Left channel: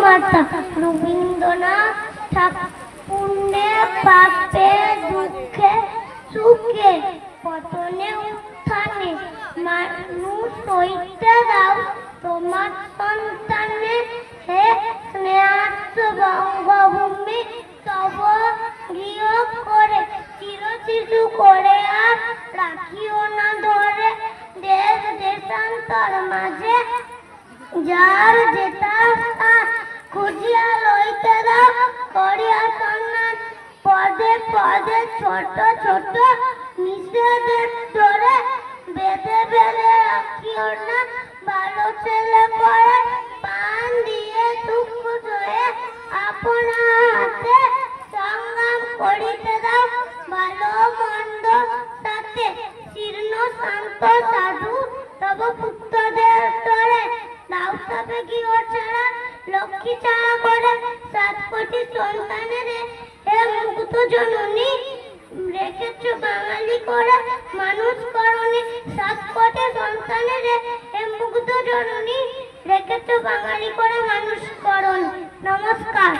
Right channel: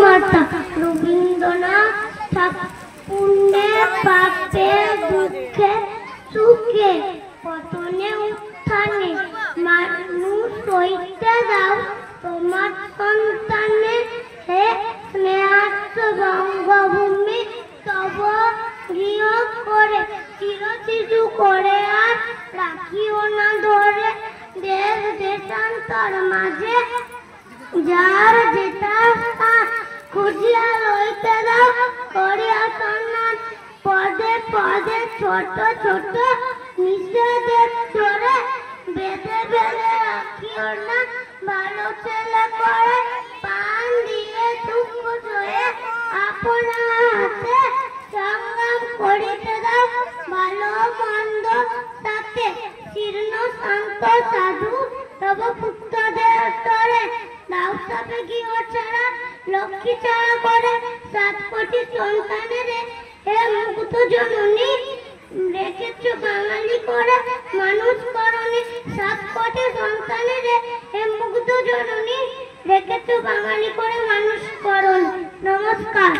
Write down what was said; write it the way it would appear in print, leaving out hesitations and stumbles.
মাতা রবীন্দ্রনাথ ঠাকুরে পাপে দুঃখে সুখে পতনে উত্থানে মানুষ হইতে দাও তোমার সন্তানে। হে স্নেহার্থ বঙ্গভূমি তব গৃহ করে চির শিশু করে আর রাখিও না ধরে। দেশ দেশান্তর মাঝে যার যেটা খুঁজিয়া লইতে দাও করিয়া সম্মান। পদে পদে ছোট ছোট নিষেধের চোরে বেঁধে বেঁধে রাখিও না ভালো ছেলে করে। পান দিয়ে দুঃখ সয়ে আপনা হাতে সংগ্রাম করিতে দাও ভালো মন্দ সাথে। শীর্ণ শান্ত সাধু তব পুত্রদের তরে দাও তবে গৃহ ছাড়া লক্ষ্মী ছাড়া করে। 7 কোটি সন্তানের হে মুক্ত জননী রেখেছ বাঙালি করে মানুষ করনি। 7 কোটি সন্তানের হে মুক্ত জননী রেখেছ বাঙালি করে মানুষ করনি। নমস্কার।